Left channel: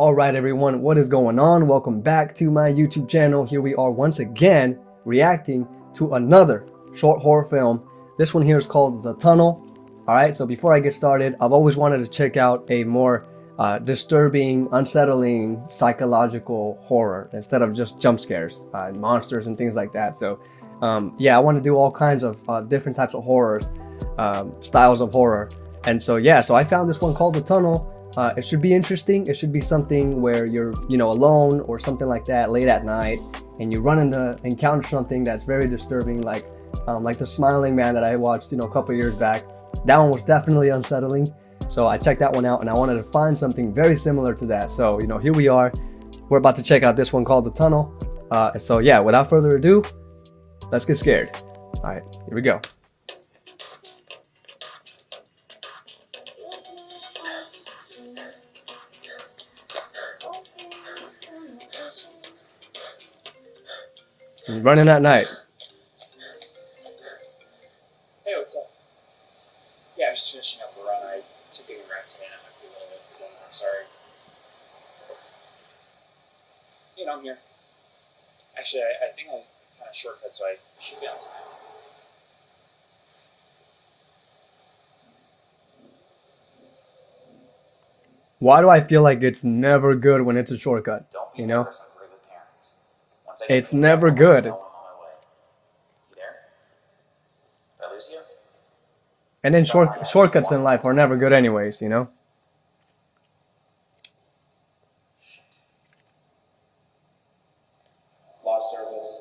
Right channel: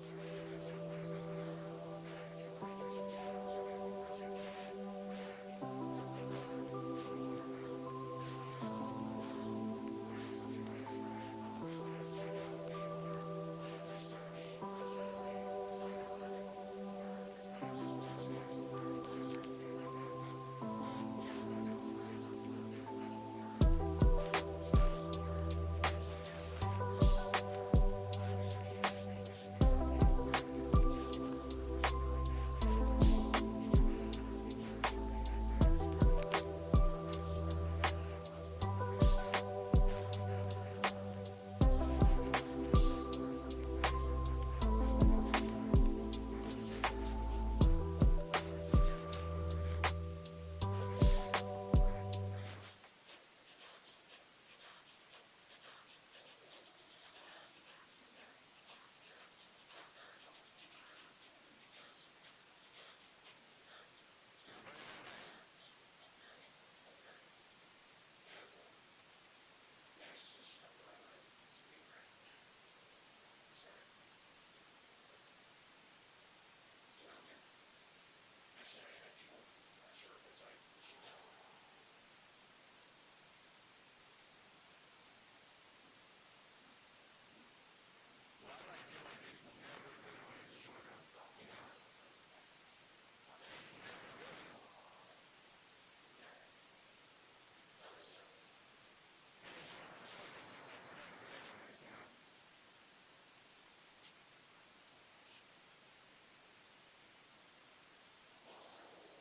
All right, everyone, what is going on? Welcome back to my YouTube channel. Here we are once again reacting to another short horror film. This one here is called The Tunnel. All right, so before I get started, I've always wanted to check out a more disturbing, unsettling, psychological horror instead of just jump scares, monsters, and things like that. So, yeah, I want to do all kinds of different types of horrors, styles of horror. And so, yeah, so I found this one called The Tunnel. It should be interesting. It should be something where you're, alone or something like that late at night, and you encounter something that's very disturbing, like the Smiling Man that I watched, a couple years back. That one was definitely unsettling. So I checked that one out, and I wanted to find something very similar to that. So, here we are. We're about to check out this one called The Tunnel. So yeah, without further ado, let's get scared. All right, here we go. Running at night. Hey, what's up? Yeah, I'm just finishing up a run. I took a run today and I might be a little late for dinner. I'm sorry. I'm here. Actually, I think I kind of shortcut, so I should be on time. Why do I feel like it's never good when it's a shortcut? Don't be nervous. I'm really good parents. Once I get It's the feedback, never I'll let good. you know I'm on my way. You there? Did I lose you? And then shortcuts in life are never good anyways. Lost service.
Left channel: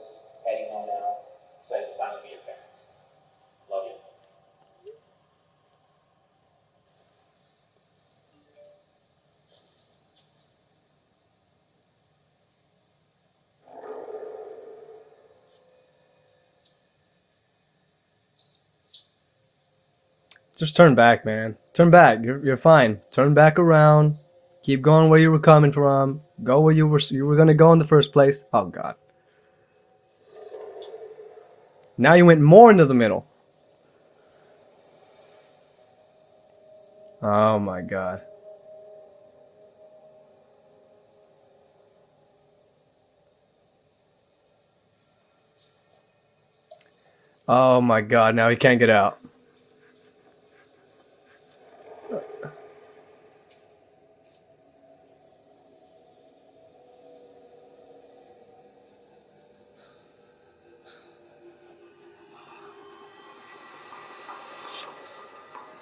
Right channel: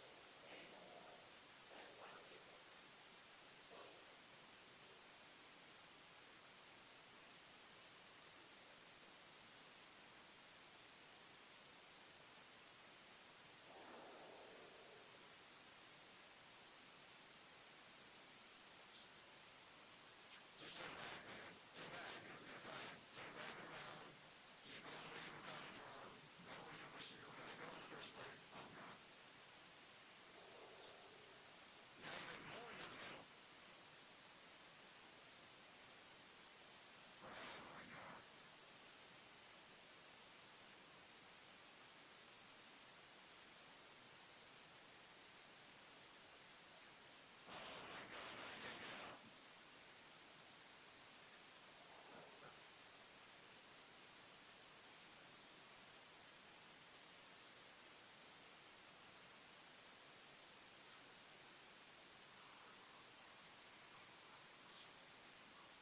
Heading home now. Excited to finally meet your parents. Love you. Just turn back, man. Turn back. You're fine. Turn back around. Keep going where you were coming from. Go where you were gonna go in the first place. Oh God. Now you went more into the middle. Oh my God. Oh my God. Now he can't get out.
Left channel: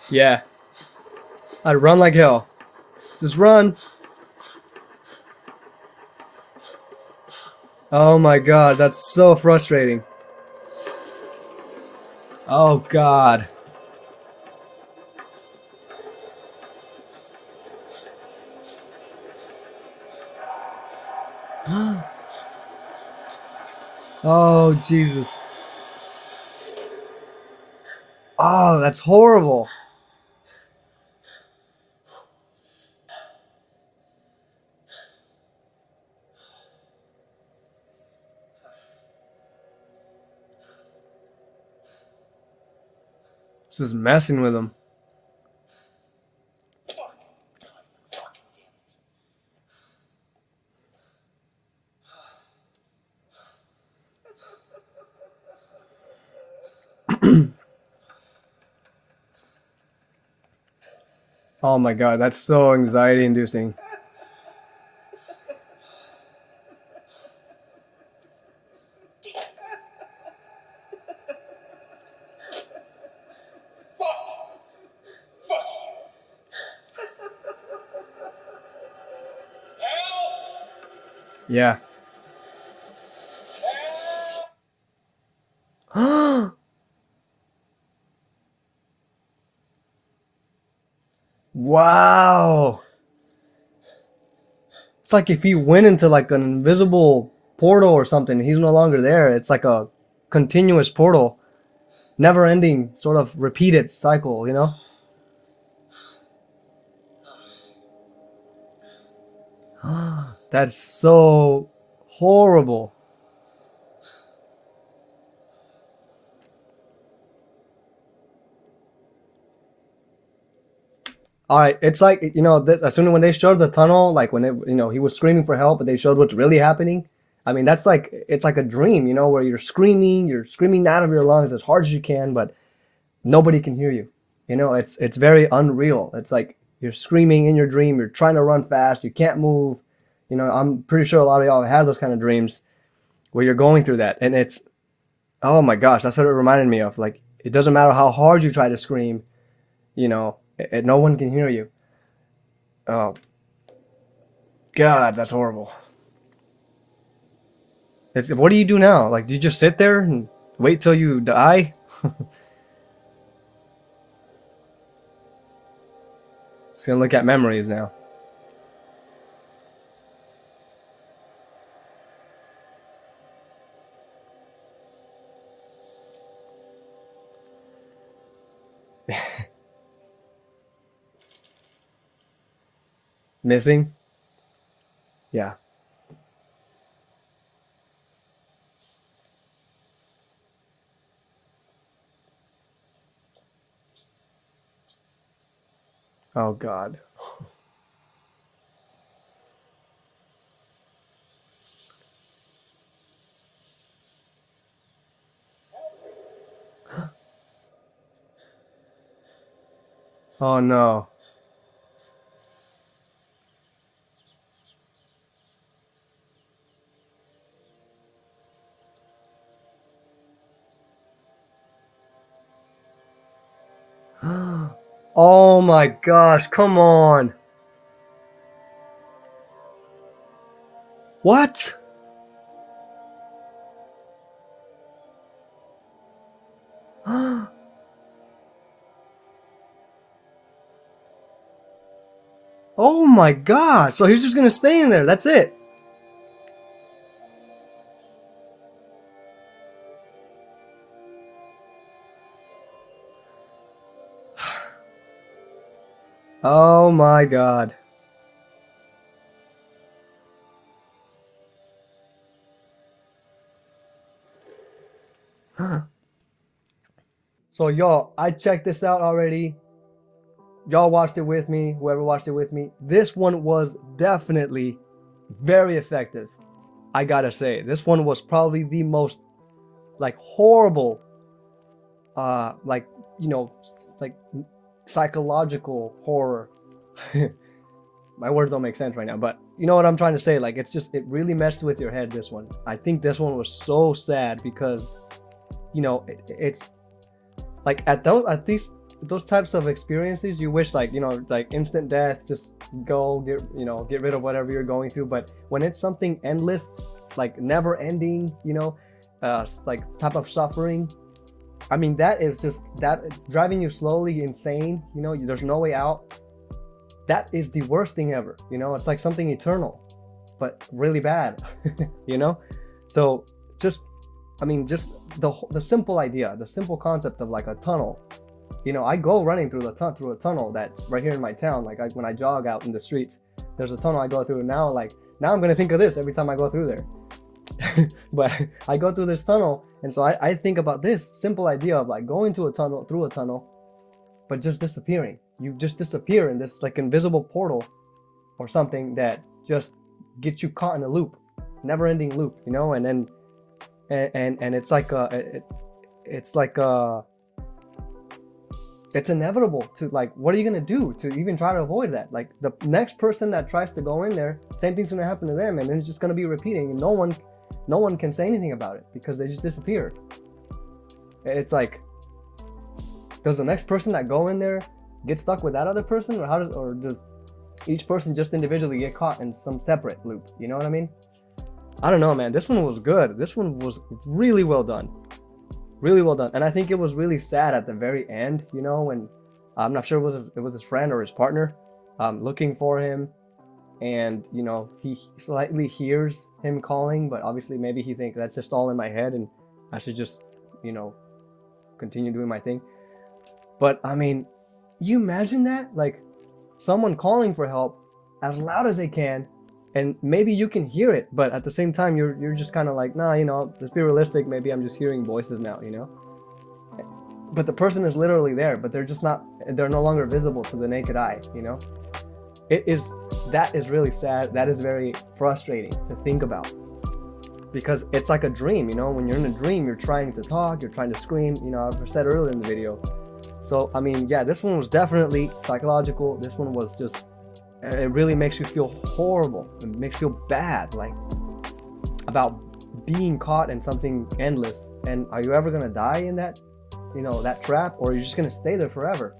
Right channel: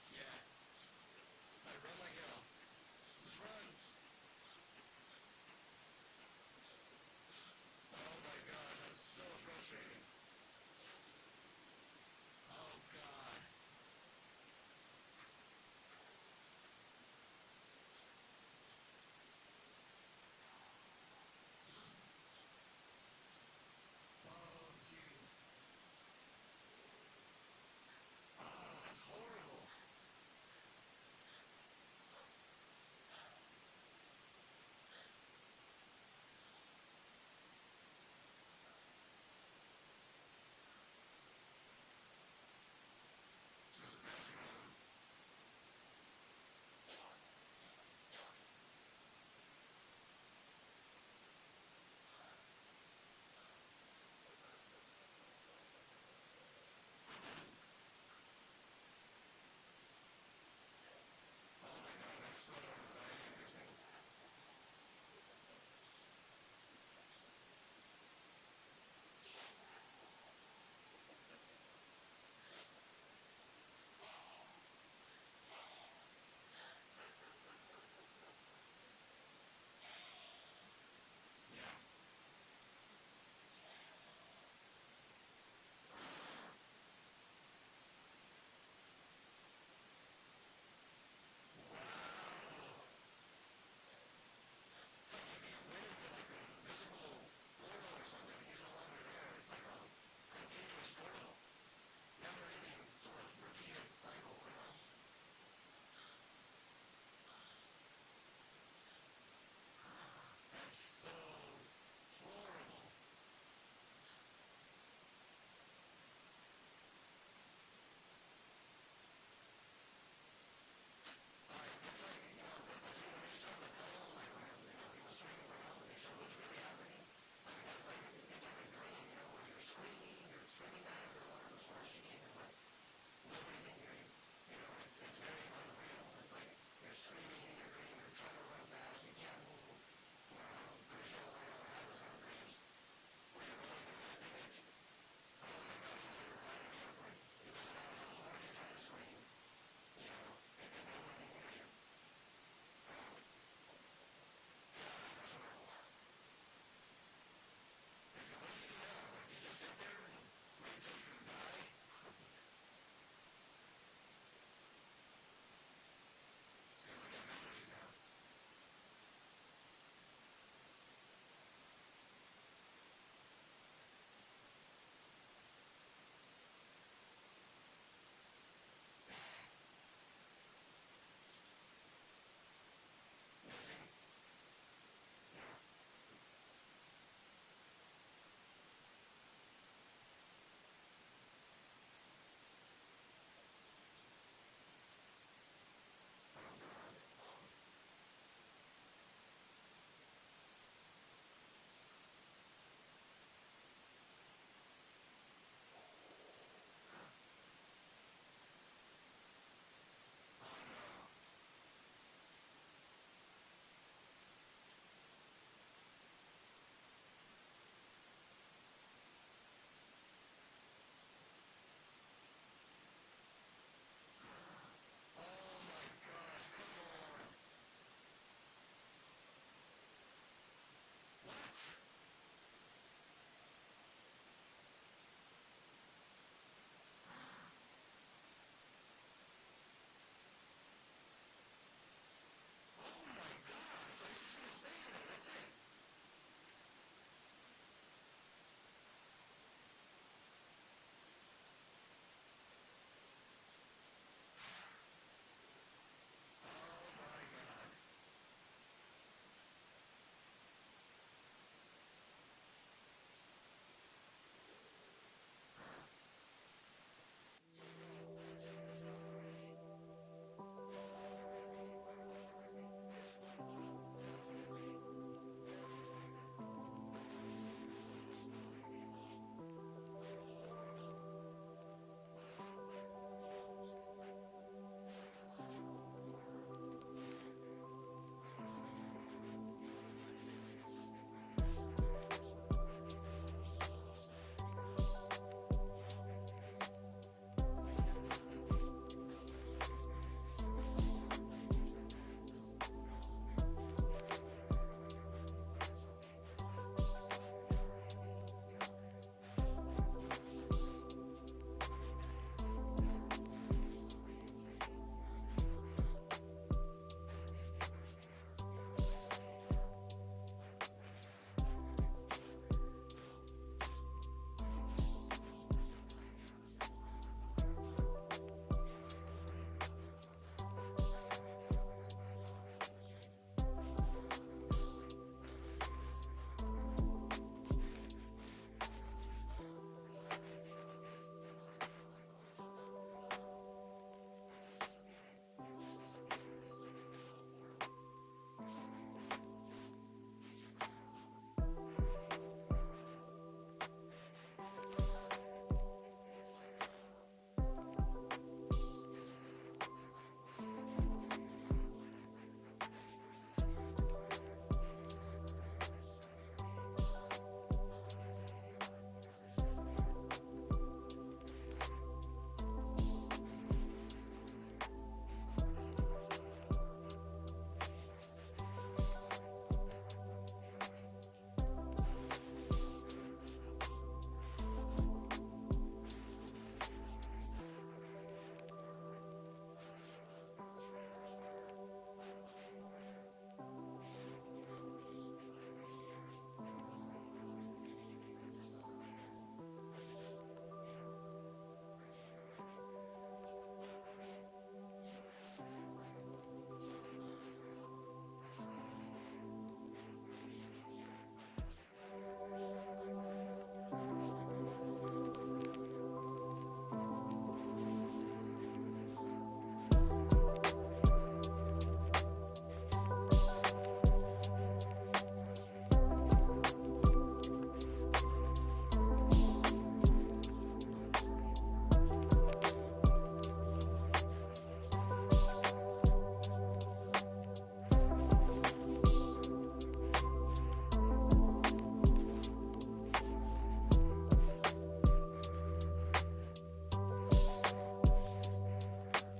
Yeah. I'd run like hell. Just run. Oh my God. That's so frustrating. Oh God. Oh Jesus. Oh, that's horrible. Just messing with him. Oh my God, that's so anxiety inducing. Yeah. Wow. It's like if he went into like an invisible portal or something, he's no longer there. It's like a continuous portal, never ending, sort of repeated cycle. That's so horrible. All right, it's like as soon as when they showed the tunnel, like when he was screaming for help, but they showed what's really happening. I mean, that's like it's like a dream, where you're screaming out of your lungs as hard as you can, but nobody can hear you. It's very unreal. It's like you're screaming in your dream, you're trying to run fast, you can't move. I'm pretty sure a lot of y'all have had those kind of dreams where you're going through that, and it's oh my gosh, that's what it reminded me of. Like it doesn't matter how hard you try to scream, no one can hear you. Oh God, that's horrible. What do you do now? Like, do you just sit there and wait till you die? Just gonna look at memories now. Missing? Yeah. Oh God. Oh no. Oh my gosh, come on. What? Oh my God. So he's just gonna stay in there. That's it. Oh my God. So y'all, I checked this out already. Y'all watched it with me, whoever watched it with me. This one was definitely very effective. I gotta say, this one was probably the most like horrible, like like psychological horror. My words don't make sense right now, but you know what I'm trying to say. Like it really messed with your head. This one, I think this one was so sad because, it's like at these those types of experiences you wish like like instant death, just go get rid of whatever you're going through. But when it's something endless, like never ending, like type of suffering, I mean that is just that driving you slowly insane, there's no way out. That is the worst thing ever, it's like something eternal but really bad. you know so just I mean, just the simple idea, the simple concept of like a tunnel. I go running through through a tunnel that's right here in my town. Like when I jog out in the streets, there's a tunnel I go through. Now, like now, I'm gonna think of this every time I go through there. But I go through this tunnel, and so I think about this simple idea of like going to a tunnel through a tunnel, but just disappearing. You just disappear in this like invisible portal or something that just gets you caught in a loop, never-ending loop. And then and it's like it's like it's inevitable to like what are you gonna do to even try to avoid that? Like the next person that tries to go in there, same thing's gonna happen to them, and then it's just gonna be repeating, and no one can say anything about it because they just disappear. It's like, does the next person that go in there get stuck with that other person, or does each person just individually get caught in some separate loop? You know what I mean? I don't know, man. This one was good. This one was really well done. Really well done. And I think it was really sad at the very end, when I'm not sure it was his friend or his partner looking for him. And, he slightly hears him calling, but obviously maybe he thinks that's just all in my head and I should just, continue doing my thing. But I mean, you imagine that? Like someone calling for help as loud as they can, and maybe you can hear it, but at the same time you're just kind of like, nah, let's be realistic, maybe I'm just hearing voices now. But the person is literally there, but they're just not they're no longer visible to the naked eye, you know? That is really sad. That is very frustrating to think about, because it's like a dream, you know? When you're in a dream, you're trying to talk, you're trying to scream, you know, I said earlier in the video. So, I mean, yeah, this one was definitely psychological. This one was just, it really makes you feel horrible. It makes you feel bad, like, about being caught in something endless. And are you ever gonna die in that, you know, that trap? Or are you just gonna stay there forever,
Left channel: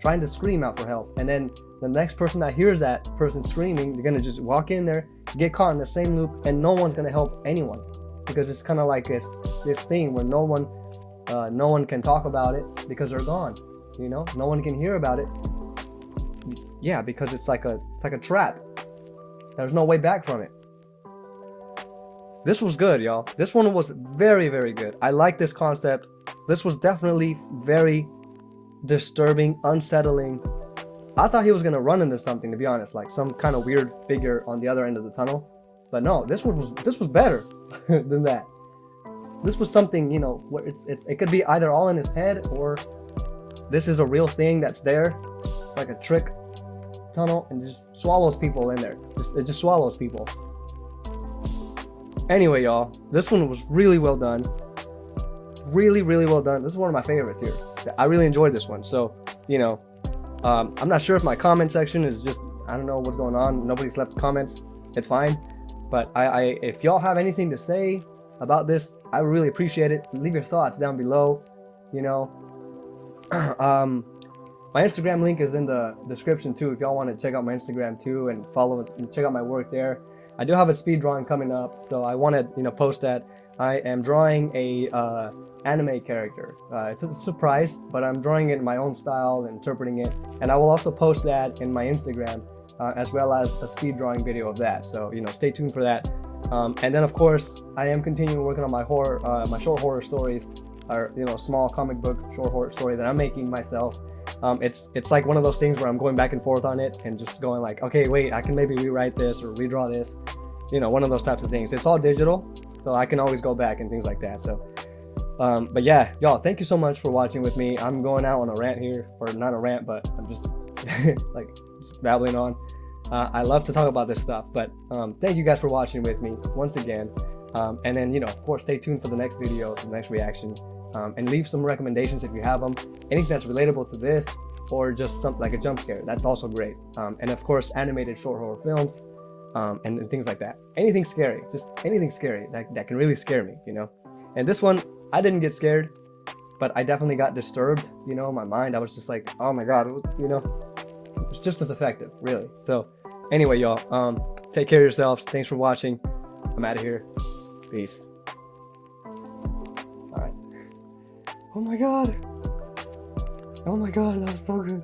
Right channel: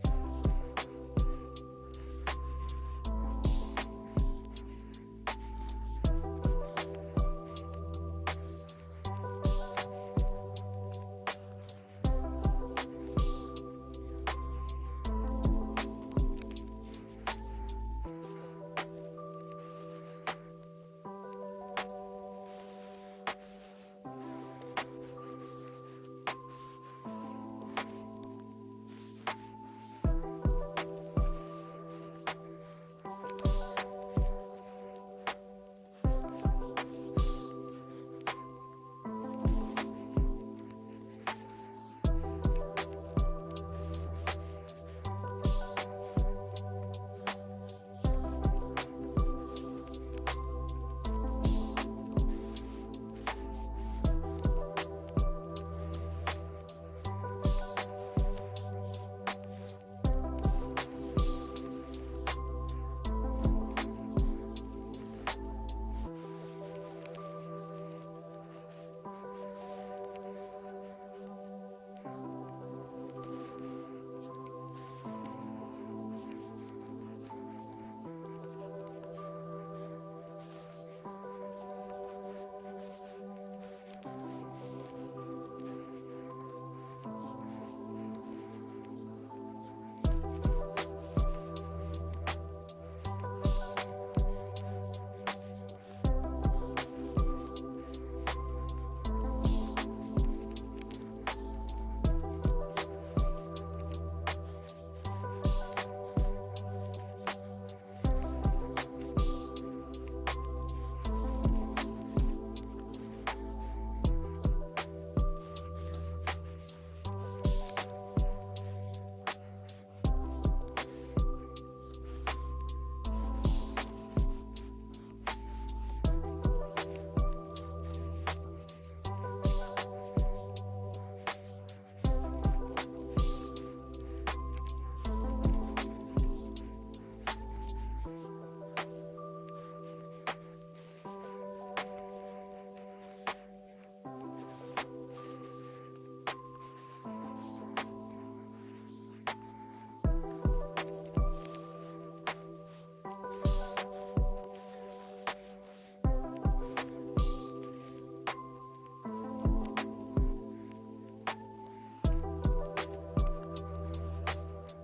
trying to scream out for help? And then the next person that hears that person screaming, they're gonna just walk in there, get caught in the same loop, and no one's gonna help anyone, because it's kind of like this thing where no one can talk about it because they're gone. You know, no one can hear about it. Yeah, because it's like a trap. There's no way back from it. This was good, y'all. This one was very, very good. I like this concept. This was definitely very disturbing, unsettling. I thought he was gonna run into something, to be honest, like some kind of weird figure on the other end of the tunnel. But no, this was better than that. This was something, you know, where it could be either all in his head, or this is a real thing that's there. It's like a trick tunnel, and just swallows people in there. It just swallows people. Anyway, y'all, this one was really well done. Really, really well done. This is one of my favorites here. I really enjoyed this one. So, you know, I'm not sure if my comment section is just, I don't know what's going on. Nobody's left comments. It's fine. But if y'all have anything to say about this, I really appreciate it. Leave your thoughts down below. You know, my Instagram link is in the description too, if y'all want to check out my Instagram too and follow it and check out my work there. I do have a speed drawing coming up, so I want to, you know, post that. I am drawing a anime character. It's a surprise, but I'm drawing it in my own style and interpreting it, and I will also post that in my Instagram, as well as a speed drawing video of that. So, you know, stay tuned for that. And then of course, I am continuing working on my my short horror stories, or, you know, small comic book short horror story that I'm making myself. It's like one of those things where I'm going back and forth on it and just going like, okay, wait, I can maybe rewrite this or redraw this, you know, one of those types of things. It's all digital, so I can always go back and things like that. So, but yeah, y'all, thank you so much for watching with me. I'm going out on a rant here, or not a rant, but I'm just like just babbling on. I love to talk about this stuff, but thank you guys for watching with me once again. And then, you know, of course, stay tuned for the next video, the next reaction. And leave some recommendations if you have them. Anything that's relatable to this, or just something like a jump scare, that's also great. And of course, animated short horror films, and things like that. Anything scary, just anything scary that can really scare me, you know. And this one, I didn't get scared, but I definitely got disturbed, you know, in my mind. I was just like, oh my god, you know, it's just as effective, really. So anyway, y'all, take care of yourselves. Thanks for watching. I'm out of here. Peace. Oh my god. Oh my god, that was so good.